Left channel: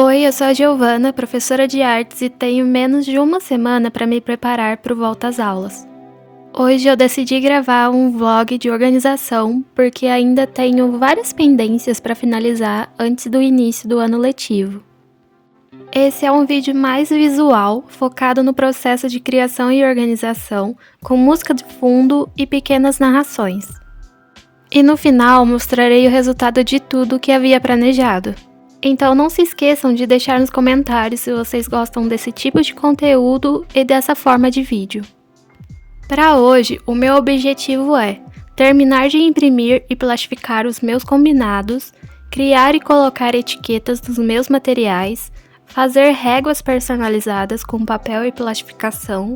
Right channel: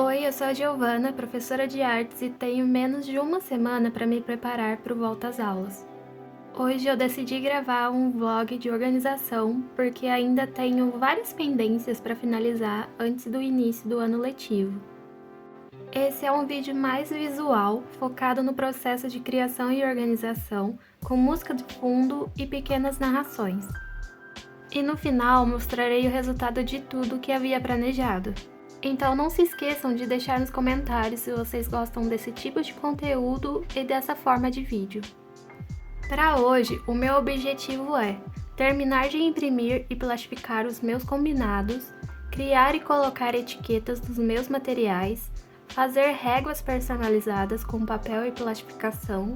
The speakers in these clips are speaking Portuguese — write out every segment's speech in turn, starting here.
Oi, eu sou a Giovana, professora de artes e tenho menos de uma semana para me preparar para o volta às aulas. Hoje eu decidi gravar um vlog de organização porque ainda tenho várias pendências para finalizar antes do início do ano letivo. Esse é um vídeo mais visual, focado no processo de criação e organização, com música de fundo e pequenas narrações. E no final mostrarei o resultado de tudo o que havia planejado. Então não se esqueçam de deixar nos comentários se vocês gostam desse tipo de conteúdo e dessa forma de vídeo. Para hoje, o meu objetivo é terminar de imprimir e plastificar os meus combinados, criar e colocar etiquetas dos meus materiais, fazer réguas personalizadas com papel e plastificação,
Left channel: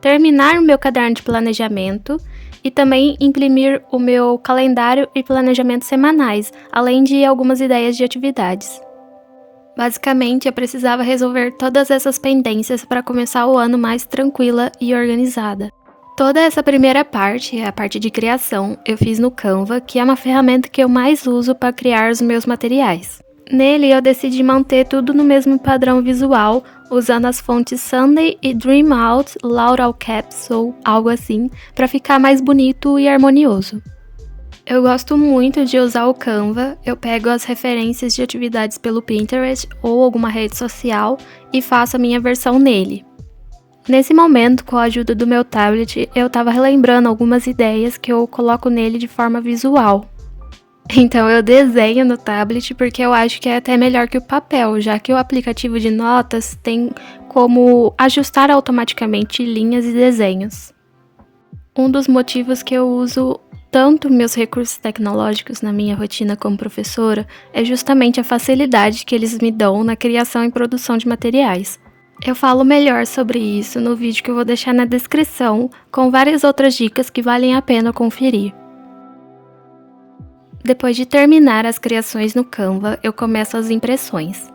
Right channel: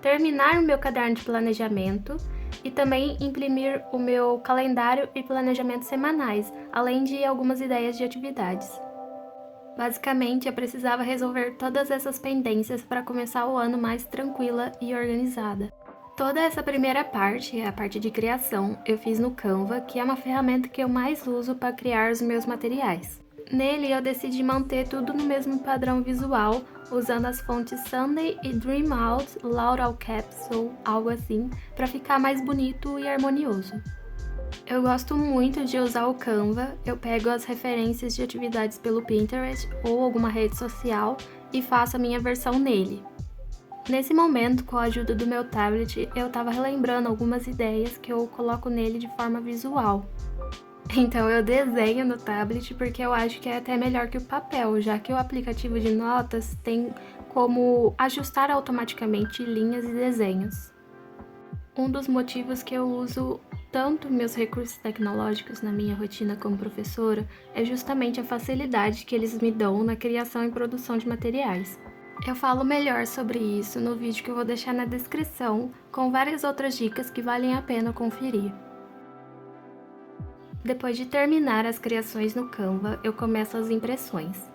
terminar o meu caderno de planejamento e também imprimir o meu calendário e planejamento semanais, além de algumas ideias de atividades. Basicamente, eu precisava resolver todas essas pendências para começar o ano mais tranquila e organizada. Toda essa primeira parte, a parte de criação, eu fiz no Canva, que é uma ferramenta que eu mais uso para criar os meus materiais. Nele, eu decidi manter tudo no mesmo padrão visual, usando as fontes Sunday e Dreamout Laurel Caps ou algo assim, para ficar mais bonito e harmonioso. Eu gosto muito de usar o Canva, eu pego as referências de atividades pelo Pinterest ou alguma rede social e faço a minha versão nele. Nesse momento, com a ajuda do meu tablet, eu estava relembrando algumas ideias que eu coloco nele de forma visual. Então eu desenho no tablet porque eu acho que é até melhor que o papel, já que o aplicativo de notas tem como ajustar automaticamente linhas e desenhos. Um dos motivos que eu uso tanto meus recursos tecnológicos na minha rotina como professora é justamente a facilidade que eles me dão na criação e produção de materiais. Eu falo melhor sobre isso no vídeo que eu vou deixar na descrição, com várias outras dicas que valem a pena conferir. Depois de terminar as criações no Canva, eu começo as impressões.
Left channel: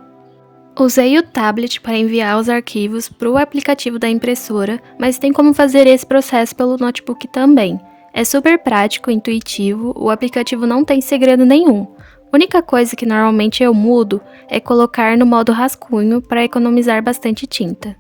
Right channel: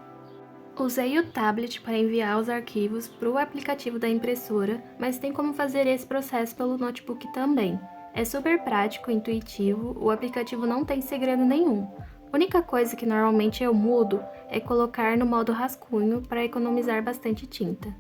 Usei o tablet para enviar os arquivos para o aplicativo da impressora, mas tem como fazer esse processo pelo notebook também. É super prático, intuitivo, o aplicativo não tem segredo nenhum. A única coisa que normalmente eu mudo é colocar no modo rascunho para economizar bastante tinta.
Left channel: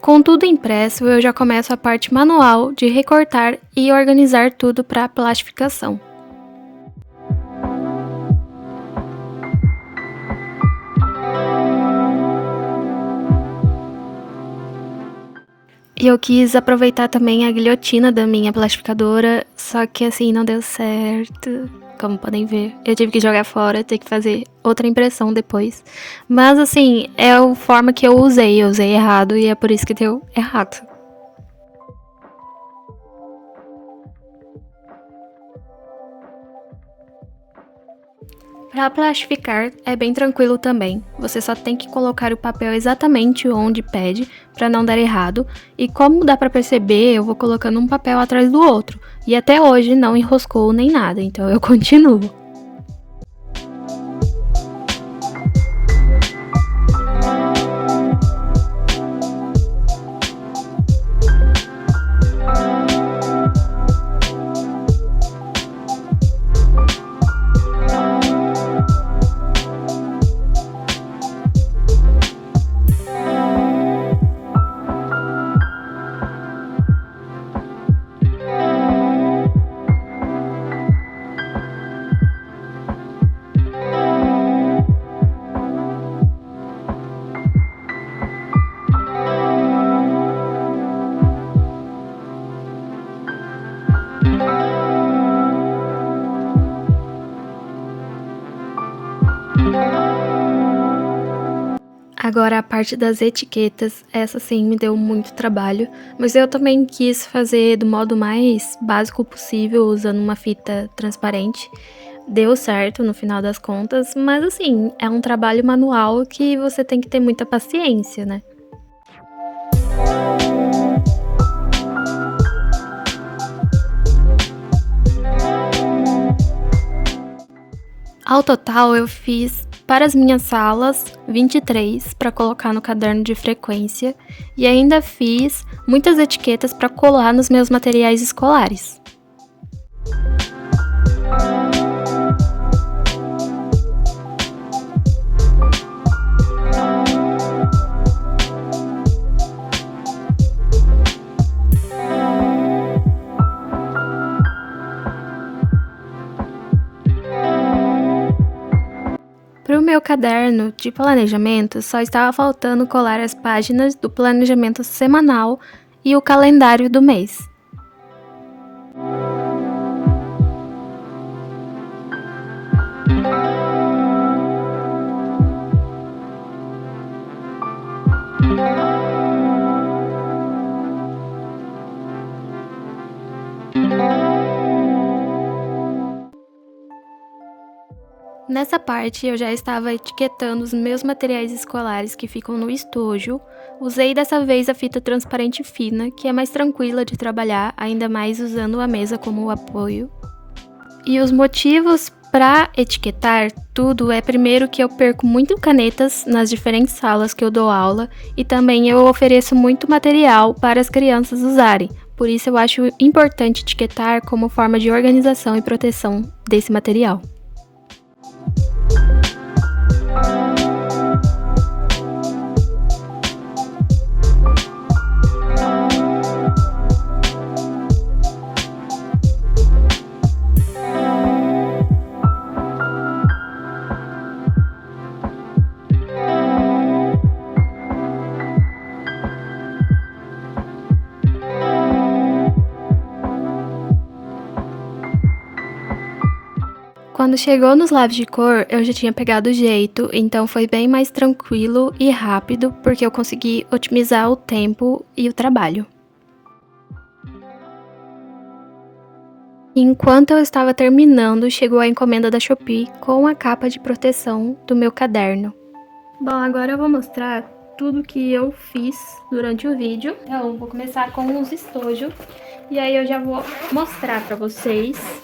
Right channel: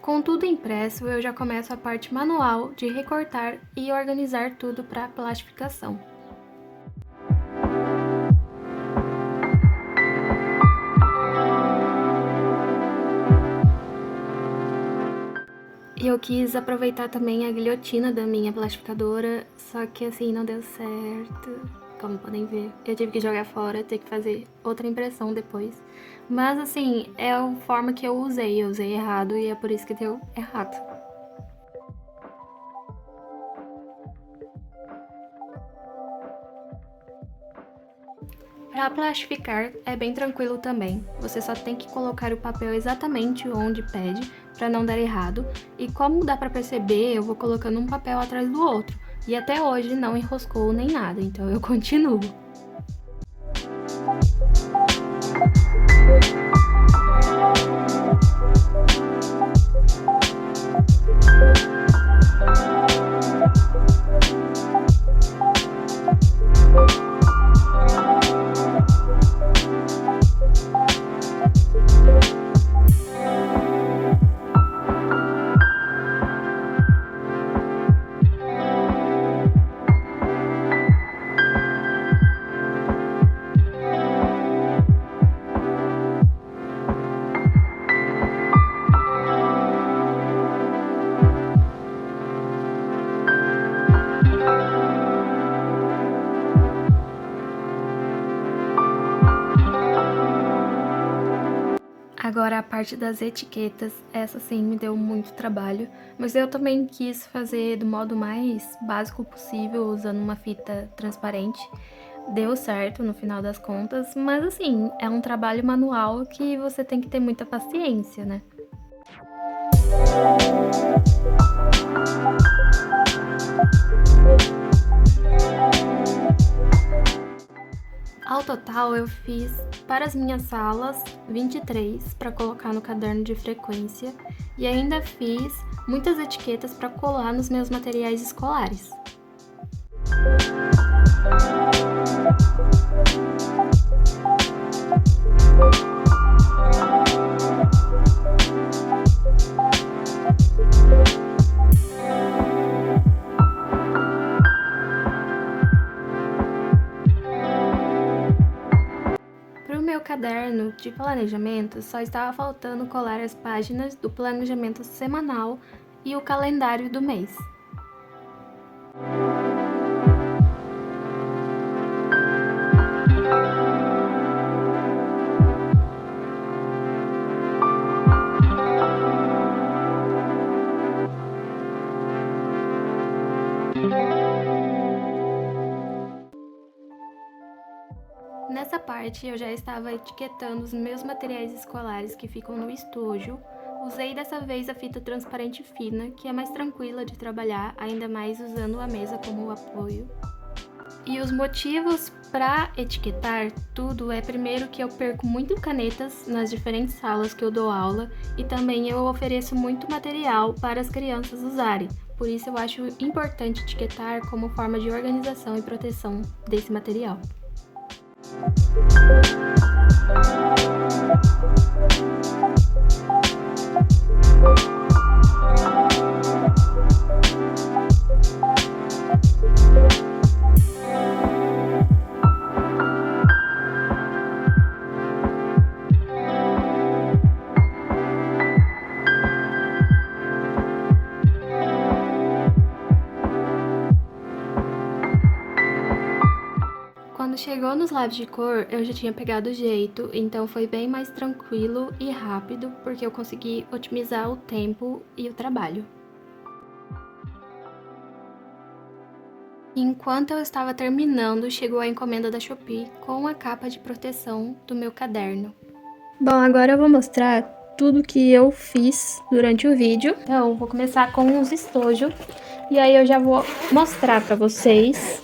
Com tudo impresso, eu já começo a parte manual de recortar e organizar tudo para a plastificação. E eu quis aproveitar também a guilhotina da minha plastificadora, só que assim não deu certo. Como podem ver, eu tive que jogar fora, ter que fazer outra impressão depois. Mas assim, é a forma que eu usei errado e é por isso que deu errado. Para plastificar é bem tranquilo também, você só tem que colocar o papel exatamente onde pede para não dar errado, e como dá para perceber, eu vou colocando um papel atrás do outro, e até hoje não enroscou nem nada, então eu continuo. Agora a parte das etiquetas, essa sim me deu muito trabalho, mas eu também quis fazer do modo mais básico possível, usando uma fita transparente. Deu certo no final das contas, mas assim, é um trabalho manual que você tem que ter muita paciência, né? Ao total, eu fiz para as minhas salas 23 para colocar no caderno de frequência e ainda fiz muitas etiquetas para colar nos meus materiais escolares. Para o meu caderno de planejamento, só estava faltando colar as páginas do planejamento semanal e o calendário do mês. Nessa parte, eu já estava etiquetando os meus materiais escolares que ficam no estojo. Usei dessa vez a fita transparente fina, que é mais tranquila de trabalhar, ainda mais usando a mesa como apoio. E os motivos para etiquetar tudo é primeiro que eu perco muito canetas nas diferentes salas que eu dou aula e também eu ofereço muito material para as crianças usarem. Por isso eu acho importante etiquetar como forma de organização e proteção desse material. Quando chegou nos lápis de cor, eu já tinha pegado o jeito, então foi bem mais tranquilo e rápido, porque eu consegui otimizar o tempo e o trabalho. Enquanto eu estava terminando, chegou a encomenda da Shopee com a capa de proteção do meu caderno. Bom, agora eu vou mostrar tudo que eu fiz durante o vídeo. Então, vou começar com os estojos, e aí eu já vou mostrar para vocês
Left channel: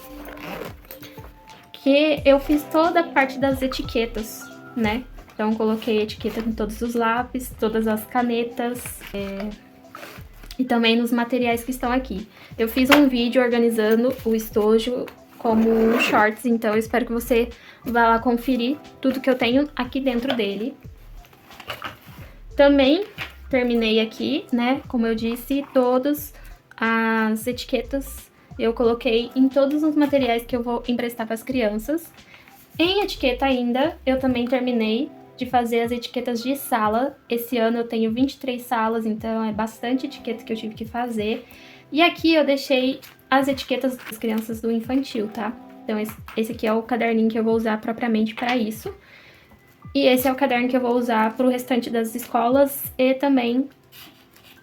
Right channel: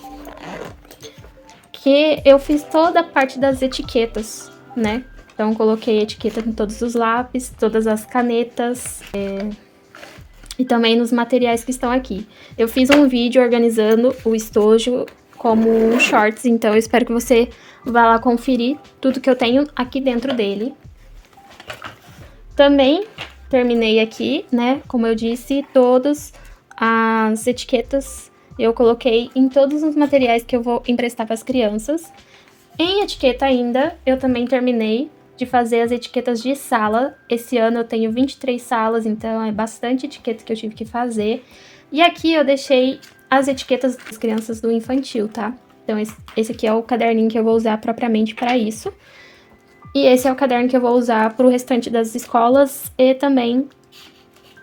que eu fiz toda a parte das etiquetas, né? Então, coloquei etiqueta em todos os lápis, todas as canetas, e também nos materiais que estão aqui. Eu fiz um vídeo organizando o estojo como um shorts, então eu espero que você vá lá conferir tudo que eu tenho aqui dentro dele. Também terminei aqui, né? Como eu disse, todas as etiquetas eu coloquei em todos os materiais que eu vou emprestar para as crianças. Em etiqueta ainda, eu também terminei de fazer as etiquetas de sala. Esse ano eu tenho 23 salas, então é bastante etiqueta que eu tive que fazer. E aqui eu deixei as etiquetas das crianças do infantil, tá? Então esse aqui é o caderninho que eu vou usar propriamente para isso. E esse é o caderno que eu vou usar para o restante das escolas e também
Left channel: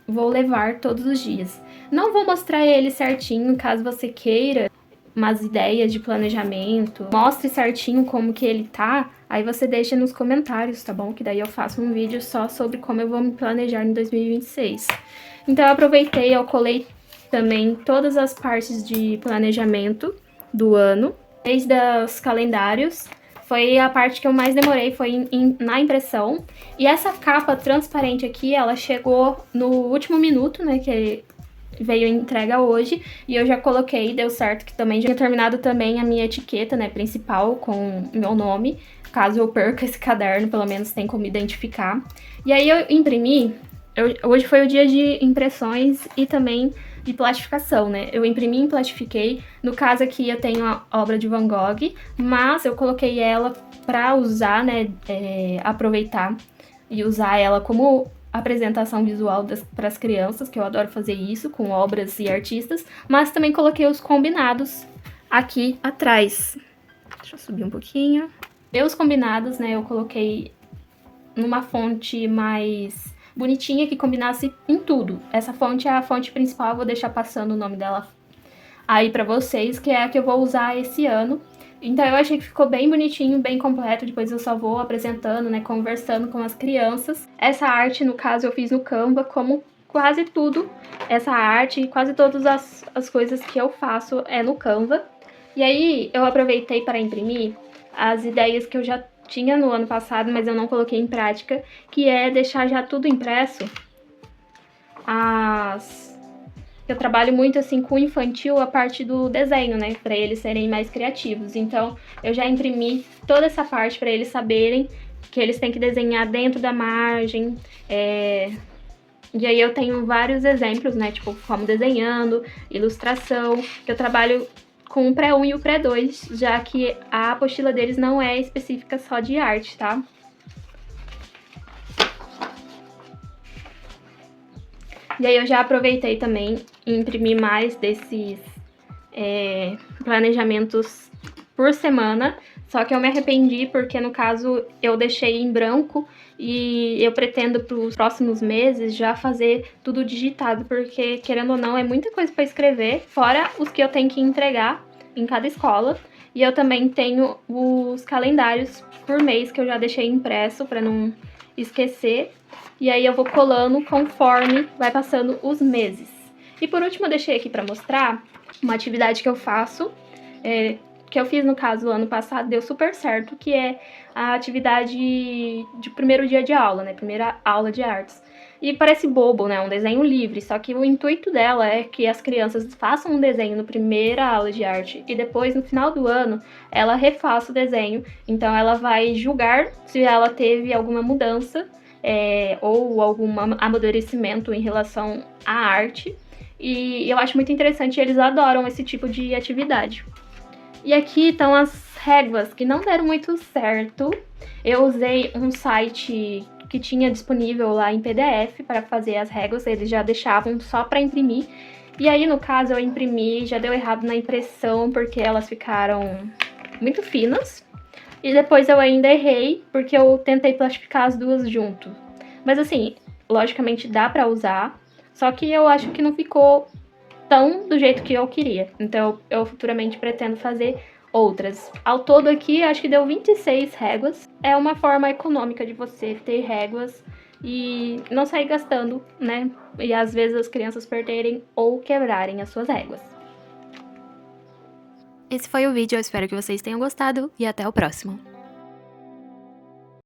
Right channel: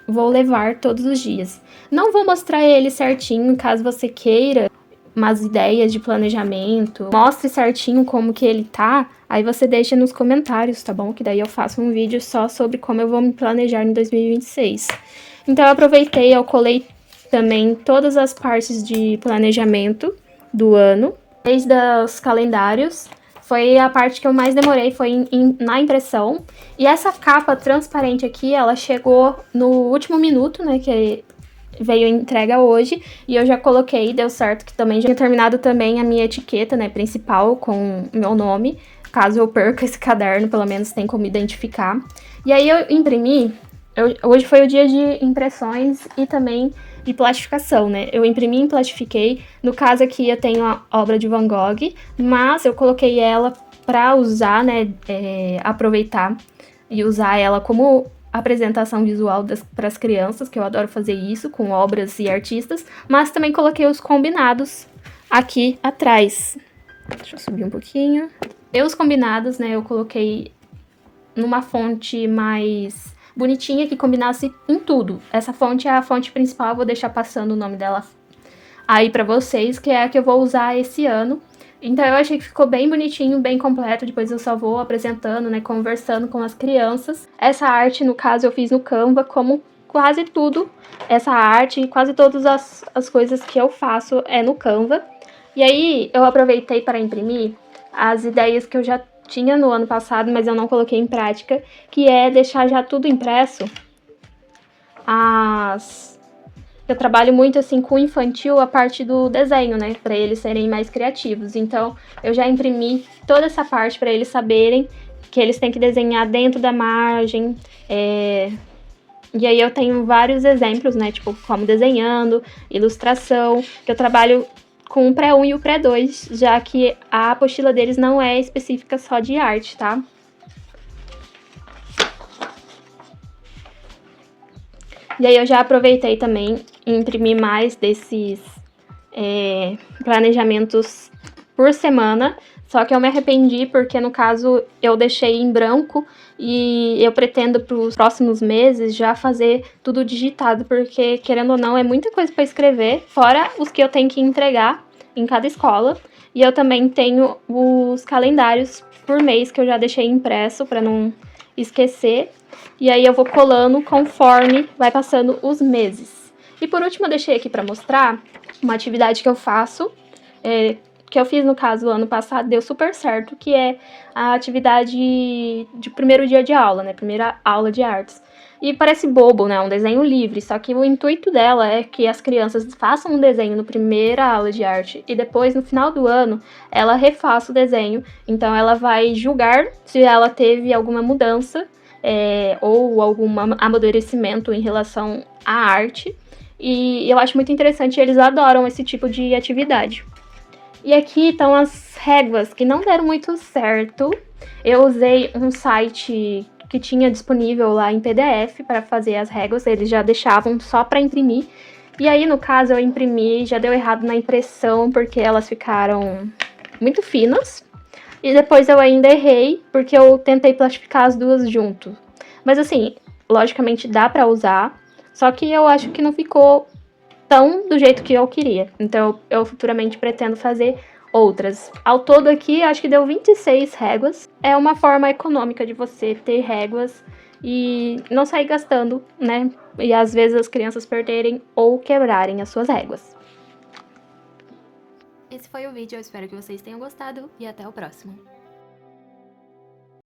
vou levar todos os dias. Não vou mostrar ele certinho, caso você queira umas ideias de planejamento, mostre certinho como que ele tá, aí você deixa nos comentários, tá bom? Que daí eu faço um vídeo só sobre como eu vou me planejar em 2026. Então eu aproveitei, eu colei também todas as partes de planejamento do ano, desde os calendários. Foi a parte que eu mais demorei, foi na impressão. E essa capa transparente aqui, ela chegou no último minuto, né, que veio entrega hoje, e eu já coloquei, deu certo, que também já tinha terminado também a minha etiqueta, né, principal, com o meu nome. Caso eu perca esse caderno, pelo menos tem como identificar. E aí eu imprimi, hoje foi o dia de impressões e também de plastificação, né? Eu imprimi e plastifiquei. No caso aqui eu tenho a obra de Van Gogh, mas eu coloquei ela para usar, né, aproveitar e usar ela como apresentação visual para as crianças, que eu adoro fazer isso com obras e artistas, mas também coloquei os combinados aqui atrás. Deixa eu subir um pouquinho. E os combinados, né, eu coloquei numa fonte mais bonitinha que combinasse em tudo. Essa fonte é a fonte principal, vou deixar passando o nome dela aí pra vocês, que é a que eu vou usar esse ano. Então eu achei que ficou bem bonitinho, bem completo, depois eu só vou apresentando, né, conversando com as crianças. Essa arte, no caso, eu fiz no Canva, como quase tudo, essa arte e quase todas as coisas que eu faço é no Canva. E aí eu aproveitei para imprimir as ideias que eu já tinha no ano passado, mas eu não coloquei em prática, que é deixar já tudo impresso. Eu trabalho muito assim com o infantil a parte do desenho, né, para eles serem mais criativos. Então, eu já imprimi toda essa parte para eles saberem que eles têm que desenhar dentro da margem. E aí eu tenho vários exemplos, né, tipo como desenhando, ilustração, que eu trabalho com o pré-1 e o pré-2, já que a apostila deles não é específica só de arte, tá? E aí eu já aproveitei também e imprimi mais desses planejamentos por semana, só que eu me arrependi porque, no caso, eu deixei em branco e eu pretendo para os próximos meses já fazer tudo digitado, porque, querendo ou não, é muita coisa para escrever, fora os que eu tenho que entregar em cada escola. E eu também tenho os calendários por mês que eu já deixei impresso para não esquecer. E aí eu vou colando conforme vai passando os meses. E por último eu deixei aqui para mostrar uma atividade que eu faço, que eu fiz no caso ano passado, deu super certo, que é a atividade de primeiro dia de aula, né? Primeira aula de artes. E parece bobo, né? Um desenho livre, só que o intuito dela é que as crianças façam um desenho no primeira aula de arte e depois, no final do ano, ela refaça o desenho. Então ela vai julgar se ela teve alguma mudança ou algum amadurecimento em relação à arte. E eu acho muito interessante, eles adoram esse tipo de atividade. E aqui estão as réguas que não deram muito certo. Eu usei um site que tinha disponível lá em PDF para fazer as réguas, eles já deixavam só para imprimir. E aí, no caso, eu imprimi, já deu errado na impressão porque elas ficaram muito finas. E depois eu ainda errei porque eu tentei plastificar as duas junto. Mas assim, logicamente dá para usar, só que eu acho que não ficou tão do jeito que eu queria. Então eu futuramente pretendo fazer outras. Ao todo aqui, acho que deu 26 réguas. É uma forma econômica de você ter réguas e não sair gastando, né? E às vezes as crianças perderem ou quebrarem as suas réguas. Esse foi o vídeo, eu espero que vocês tenham gostado e até o próximo.